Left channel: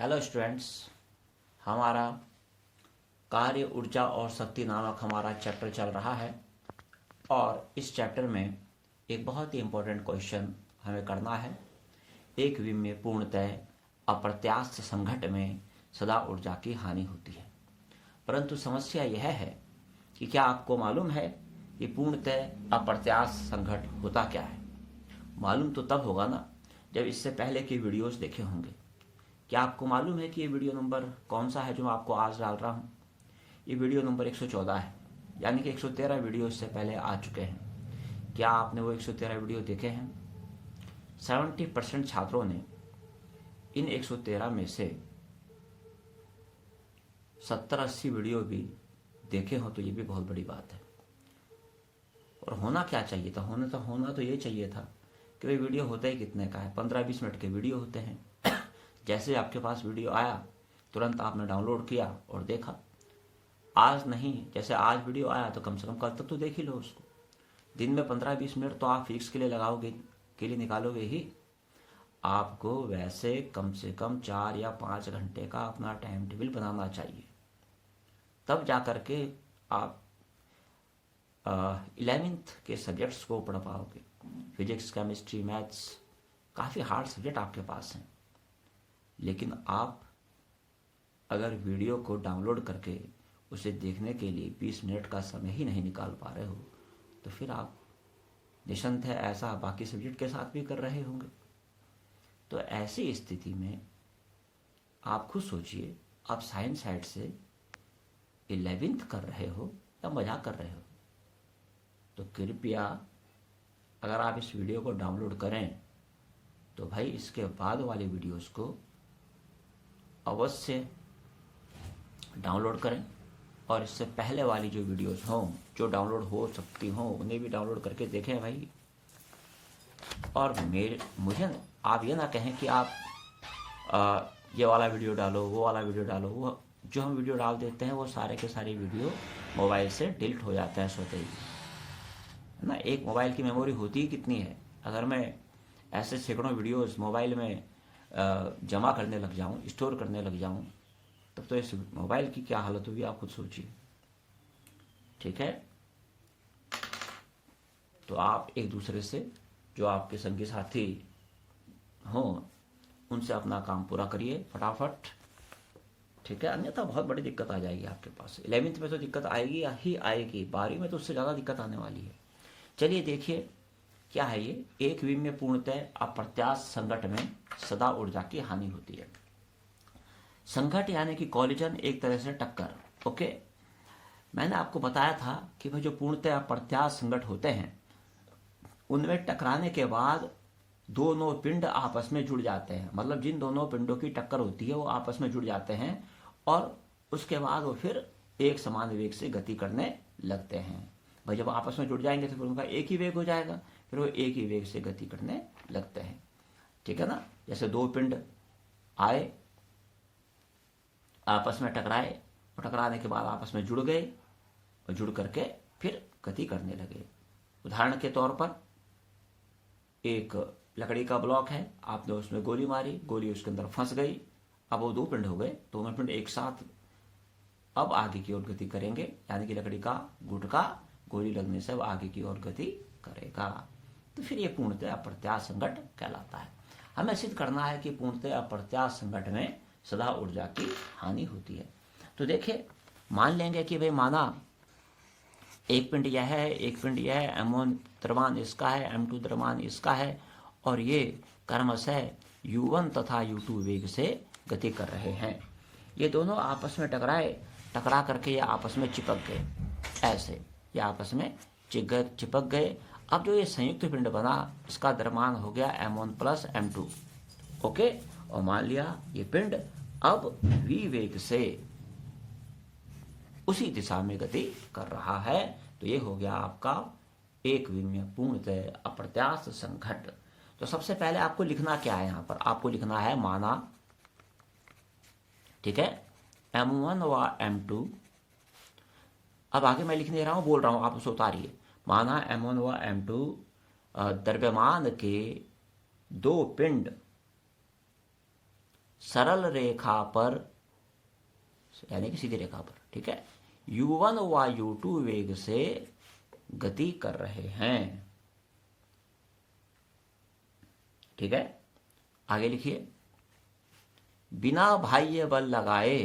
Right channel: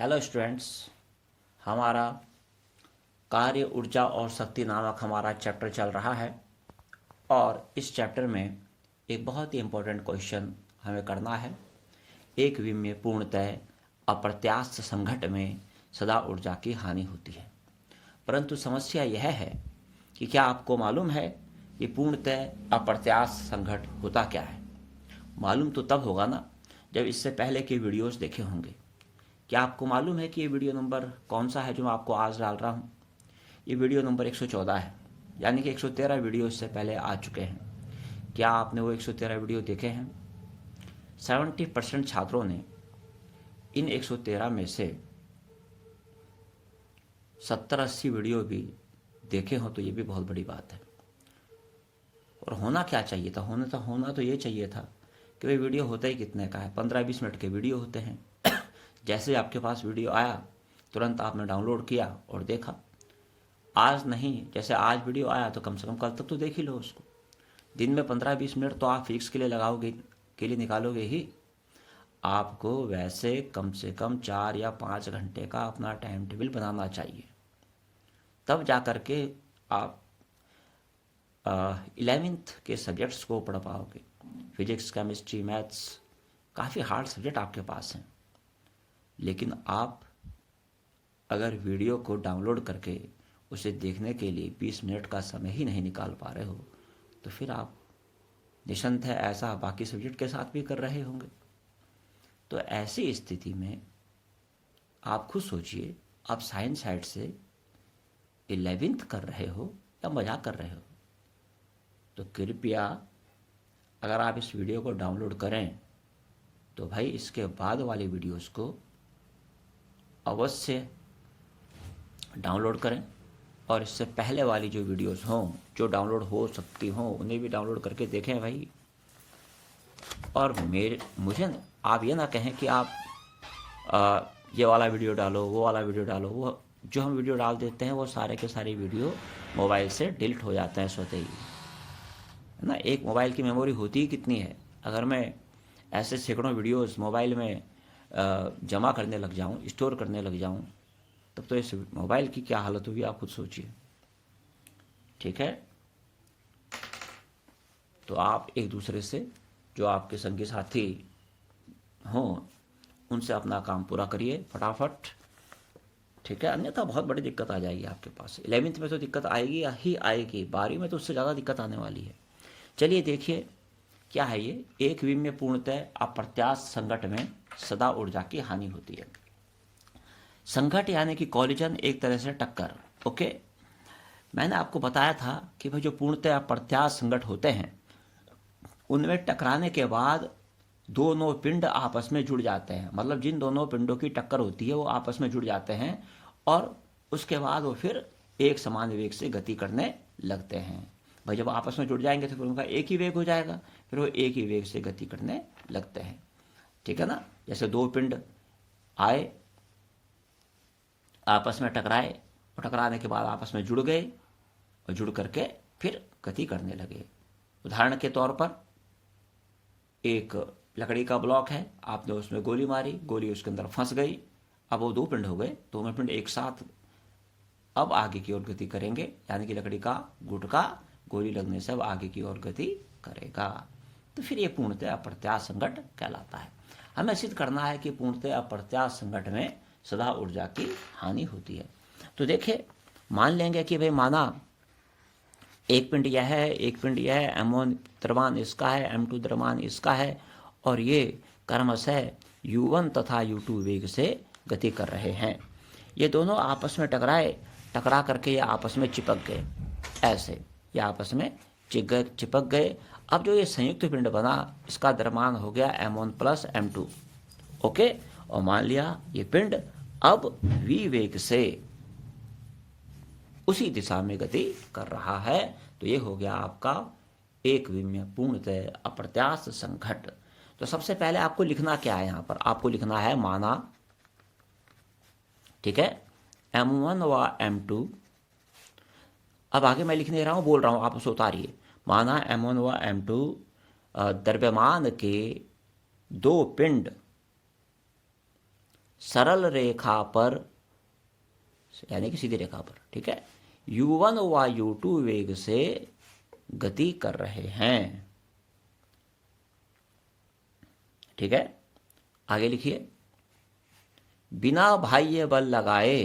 Hello students. हमारा कार्य ऊर्जा और शक्ति नामक हमारा चैप्टर चल रहा है और इस चैप्टर में एक बहुत ही इम्पोर्टेंट क्वेश्चन हमें करना है। एक विम्य पूर्णतः अप्रत्याशित संघट में सदा ऊर्जा की हानि होती है, परंतु समस्या यह है कि क्या आपको मालूम है कि पूर्णतः अप्रत्याशित संघट होता क्या है। मालूम तो तब होगा ना जब इससे पहले के वीडियोस देखे होंगे। क्या आपको मालूम है कि ये वीडियो नंबर कौन सा है जो मैं आपको आज डाल रहा हूँ? ये वीडियो नंबर 114 है, यानी कि 113 वीडियो इससे पहले आ चुके हैं। क्या आपने वो 113 वीडियो देखे हैं? 70% छात्रों ने इन 113 में से 70-80 वीडियो भी देखे हो, तो ये भी बहुत बड़ी बात है। और होना क्या चाहिए था? होना तो ये चाहिए था कि भाई वीडियो होता ही कितने का है, 15-20 मिनट के वीडियो होते हैं। जैसे आपके पास वीडियो आया तुरंत आपने डाउनलोड किया और देखा। आज नहीं, जैसे आज वीडियो आया तो कम से कम कल तक तो देख ही लो उसको। दिन में 15-20 मिनट तो आप फिक्स के लिए लगाओगे, के लिए निकालोगे ही। आपको वैसे कम से कम 4 या 5 घंटे का अपना टाइम टेबल बनाना चाहिए, तब जा कर के आप 11th के सब्जेक्ट्स को पढ़ पाओगे। फिजिक्स, केमिस्ट्री, मैथ्स काफ़ी हार्ड सब्जेक्ट आपके पास हैं। लेकिन आप अगर वीडियो को डाउनलोड करके उसे देखने के लिए 20 मिनट का समय ही नहीं निकाल पा रहे हो, तो फिर आप निशंत है ऐसा बाकी सब्जेक्ट के साथ भी कर रहे होंगे। तो ऐसी स्थिति में आप खुद सोचिए, आप साइंस साइड से 11th कर रहे हो या मजाक कर रहे हो। तो कृपया अगर आप इस वीडियो को डाउनलोड करें तो भाई इसके बाद वाली वीडियोस को अवश्य डाउनलोड करें, और इससे पहले वाली जो वीडियोस हों जो डाउनलोड हो सकती हों उन्हें भी डाउनलोड करके देखें भाई। और मुझे आप ये ना कहें कि आप ये वाला वीडियो डालो, वो वाला वीडियो डालो। वो जो हम वीडियो डाल देते हैं वो सारे के सारे वीडियो मोबाइल से डिलीट हो जाते हैं स्वतः ही, है ना। एक मोबाइल की मेमोरी होती ही कितनी है? अगर मैं ऐसे सैकड़ों वीडियोस मोबाइल में जमा करने लग जाऊं, स्टोर करने लग जाऊं, तब तो इस मोबाइल की क्या हालत होगी आप खुद सोचिए। ठीक है, तो आप एक दूसरे से, जो आपके संगी साथी हों, उनसे अपना काम पूरा करिए फटाफट। ठीक है, अन्यथा बहुत बड़ी दिक्कत आ जाएगी आपके पास। 11th में तो दिक्कत आएगी ही आएगी, 12वीं में तो उससे ज़्यादा दिक्कत आने वाली है। चलिए देखिए क्या है ये। एक विम्य पूर्णतः अप्रत्याशित संघट में सदा ऊर्जा की हानि होती है। संघट यानी कि कॉलिजन, एक तरह से टक्कर। ओके, मैंने आपको बताया था कि भाई जो पूर्णतः अप्रत्याशित संघट होते हैं उनमें टकराने के बाद दोनों पिंड आपस में जुड़ जाते हैं। मतलब जिन दोनों पिंडों की टक्कर होती है वो आपस में जुड़ जाते हैं और उसके बाद वो फिर एक समान वेग से गति करने लगते हैं। भाई जब आपस में जुड़ जाएंगे तो फिर उनका एक ही वेग हो जाएगा, फिर वो एक ही वेग से गति करने लगते हैं। ठीक है ना। जैसे दो पिंड आए, आपस में टकराए और टकराने के बाद आपस में जुड़ गए और जुड़ करके फिर गति करने लगे। उदाहरण के तौर पर एक लकड़ी का ब्लॉक है, आपने उसमें गोली मारी, गोली उसके अंदर फंस गई, अब वो दो पिंड हो गए, दोनों पिंड एक साथ अब आगे की ओर गति करेंगे, यानी कि लकड़ी का गुटका गोली लगने से अब आगे की ओर गति करेगा। तो फिर ये पूर्णतः अप्रत्याशित संघट कहलाता है। हमें सिद्ध करना है कि पूर्णतः अप्रत्याशित संघट में सदा ऊर्जा की हानि होती है। तो देखिए, मान लेंगे कि भाई माना एक पिंड यह है, एक पिंड यह है, M1 द्रव्यमान इसका है, M2 द्रव्यमान इसका है, और ये क्रमशः U1 तथा U2 वेग से गति कर रहे हैं। ये दोनों आपस में टकरा करके ये आपस में चिपक गए, ऐसे ये आपस में चिपक गए। अब जो ये संयुक्त पिंड बना इसका द्रव्यमान हो गया M1 प्लस M2। ओके, और मान लिया ये पिंड अब V वेग से उसी दिशा में गति कर रहा है। तो ये हो गया आपका एक विम्य पूर्णतः अप्रत्याशित संघट। तो सबसे पहले आपको लिखना क्या है? यहां पर आपको लिखना है माना, ठीक है, M1 व M2। अब आगे मैं लिखने रहा हूं, बोल रहा हूं, आप उसे उतारिए। माना M1 व M2 द्रव्यमान के दो पिंड सरल रेखा पर, यानी कि सीधी रेखा पर, ठीक है, u1 व u2 वेग से गति कर रहे हैं। ठीक है, आगे लिखिए, बिना बाह्य बल लगाए,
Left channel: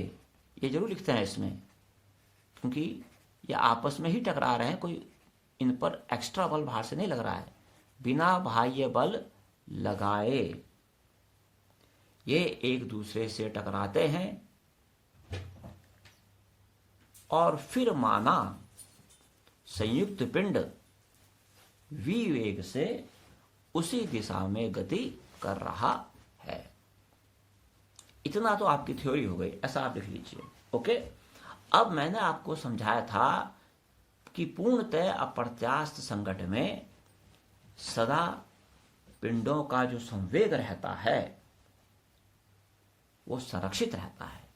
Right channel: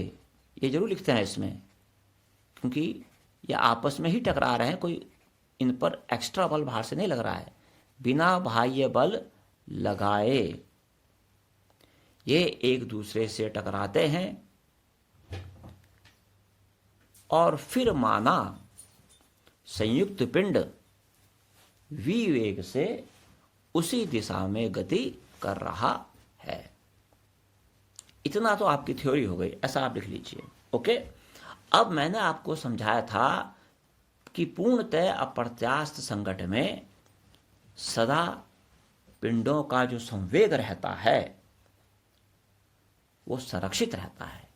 ये जरूर लिखते हैं इसमें, क्योंकि ये आपस में ही टकरा रहे हैं, कोई इन पर एक्स्ट्रा बल बाहर से नहीं लग रहा है। बिना बाह्य बल लगाए ये एक दूसरे से टकराते हैं और फिर माना संयुक्त पिंड v वेग से उसी दिशा में गति कर रहा है। इतना तो आपकी थ्योरी हो गई, ऐसा आप लिख लीजिए। ओके, अब मैंने आपको समझाया था कि पूर्णतः अप्रत्यास्थ संघट में सदा पिंडों का जो संवेग रहता है वो संरक्षित रहता है।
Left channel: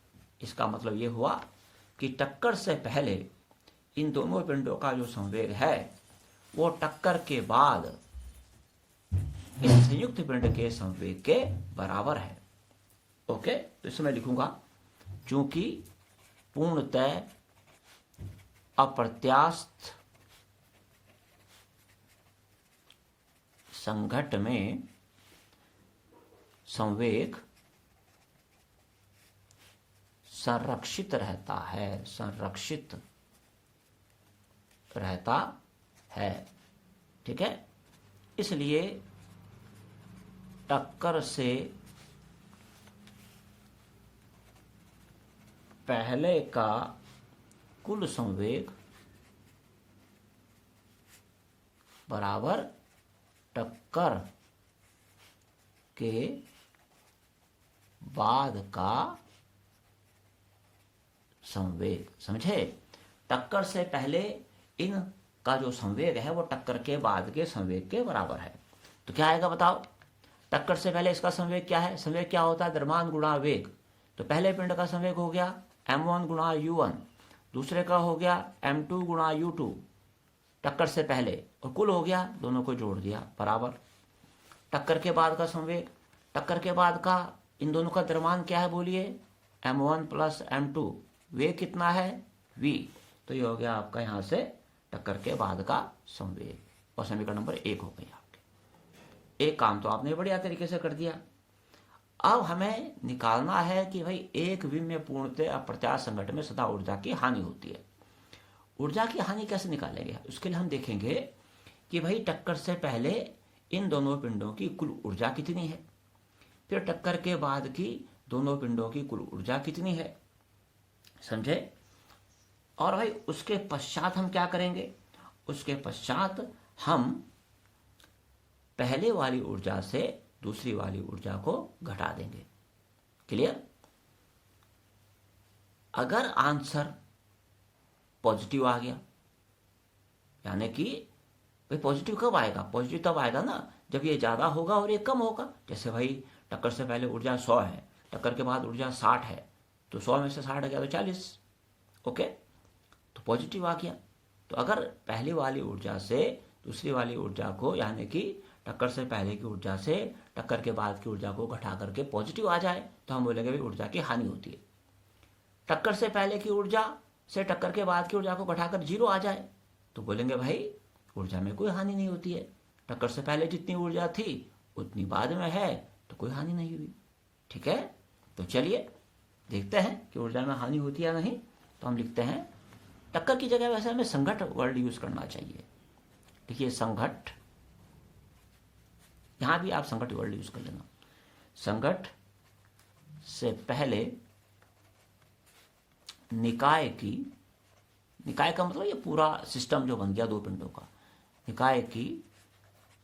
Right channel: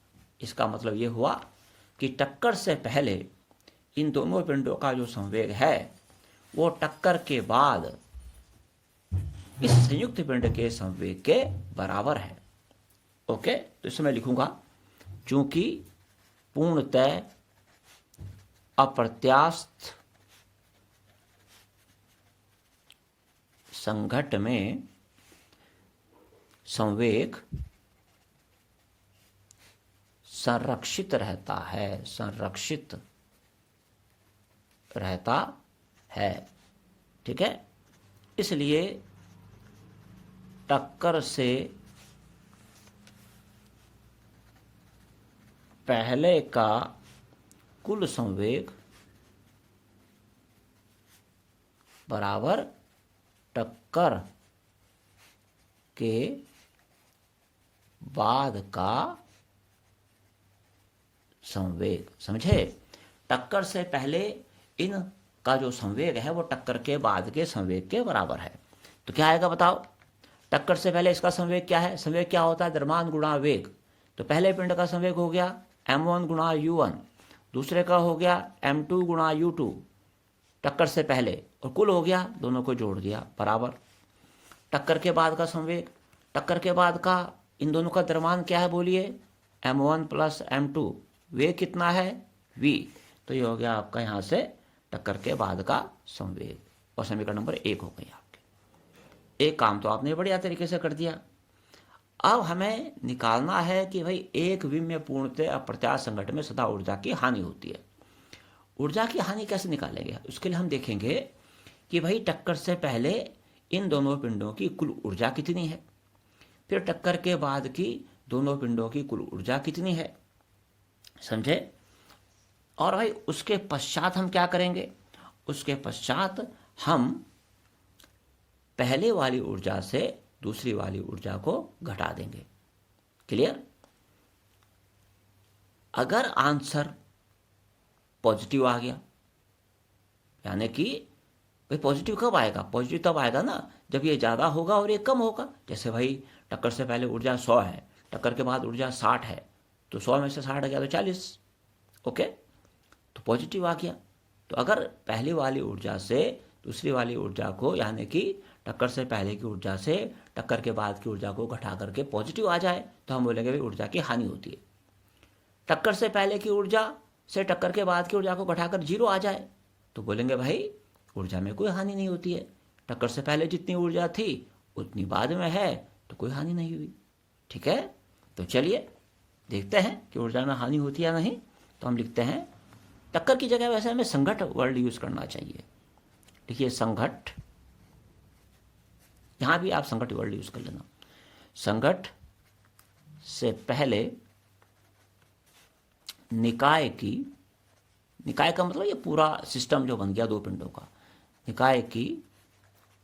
इसका मतलब ये हुआ कि टक्कर से पहले इन दोनों पिंडों का जो संवेग है वो टक्कर के बाद इस संयुक्त पिंड के संवेग के बराबर है। ओके, तो इसे मैं लिखूंगा, चूंकि पूर्णतः अप्रत्यास्थ संघट में संवेग संरक्षित रहता है, संरक्षित रहता है। ठीक है, इसलिए टक्कर से पहले का कुल संवेग बराबर टक्कर के बाद का संवेग। समझे, टक्कर से पहले इन का जो संवेग है वो टक्कर के बाद के संवेग के बराबर है। तो क्या आएगा बताओ, टक्कर से पहले इसका संवेग क्या है? संवेग क्या होता है? द्रव्यमान गुणा वेग। तो पहले पिंड का संवेग हो गया m1 गुणा u1, दूसरे का हो गया m2 गुणा u2 टक्कर से पहले, और कुल हो गया, दोनों को जोड़ दिया बराबर। टक्कर के बाद का संवेग, टक्कर के बाद का इन दोनों का द्रव्यमान क्या है बोलिए? m1 प्लस m2, वेग कितना है? v। तो ये हो गया आपका यहाँ से टक्कर के बाद का संवेग, और समीकरण नंबर 1 हो गया आपके। एक काम तो आपने बढ़िया तरीके से कर दिया। अब हमें निकालना है कि भाई एक विम्य पूर्णतः अप्रत्यास्थ संघटन में सदा ऊर्जा की हानि होती है। ऊर्जा की हानि कैसे निकालेंगे? उसके लिए हम देखेंगे कि भाई टक्कर से पहले इन दोनों पिंडों की कुल ऊर्जा कितनी है, फिर टक्कर के बाद की दोनों पिंडों की कुल ऊर्जा कितनी है। समझे? और भाई उसके पश्चात हम क्या करेंगे? उसके पश्चात हम पहले वाली ऊर्जा से दूसरी वाली ऊर्जा को घटा देंगे। क्लियर? अगर आंसर पॉजिटिव आ गया, यानी कि भाई पॉजिटिव कब आएगा? पॉजिटिव तब आएगा ना जब ये ज्यादा होगा और ये कम होगा। जैसे भाई टक्कर से पहले ऊर्जा 100 है, टक्कर के बाद ऊर्जा 60 है, तो 100 में से 60 गया तो 40। ओके, तो पॉजिटिव आ गया। तो अगर पहली वाली ऊर्जा से दूसरी वाली ऊर्जा को, यानी कि टक्कर से पहले की ऊर्जा से टक्कर के बाद की ऊर्जा को घटा करके पॉजिटिव आ जाए, तो हम बोलेंगे भाई ऊर्जा की हानि होती है। टक्कर से पहले की ऊर्जा से टक्कर के बाद की ऊर्जा को घटाकर 0 आ जाए, तो बोलेंगे भाई ऊर्जा में कोई हानि नहीं होती है। टक्कर से पहले जितनी ऊर्जा थी उतनी बाद में है, तो कोई हानि नहीं हुई। ठीक है, तो चलिए देखते हैं कि ऊर्जा में हानि होती है या नहीं। तो हम लिखते हैं, टक्कर की जगह वैसे हमें संघट वर्ड यूज करना चाहिए। देखिए संघट, यहां भी आप संघट वर्ड यूज कर लेना। संघट से पहले निकाय की, निकाय का मतलब ये पूरा सिस्टम जो बन गया दो पिंडों का, निकाय की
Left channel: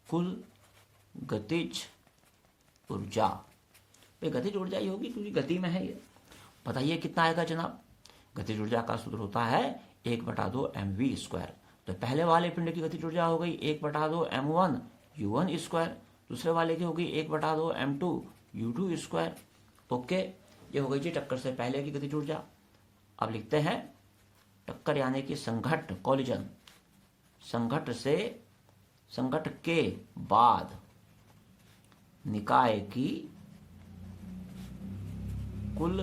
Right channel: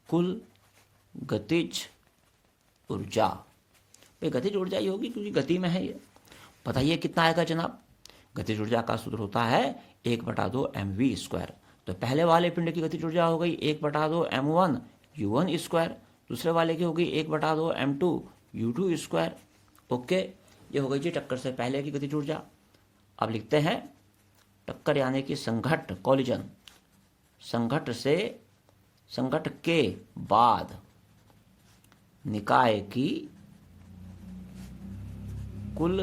कुल गतिज ऊर्जा। ये गतिज ऊर्जा ही होगी क्योंकि गति में है ये। बताइए कितना आएगा जनाब? गतिज ऊर्जा का सूत्र होता है 1/2 mv²। तो पहले वाले पिंड की गतिज ऊर्जा हो गई 1/2 m1 u1², दूसरे वाले की हो गई 1/2 m2 u2²। ओके, ये हो गई जी टक्कर से पहले की गतिज ऊर्जा। अब लिखते हैं टक्कर यानी कि संघट, कॉलिजन, संघट से, संघट के बाद निकाय की कुल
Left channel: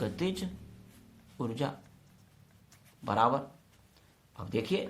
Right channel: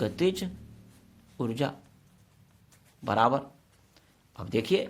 गतिज ऊर्जा बराबर, अब देखिए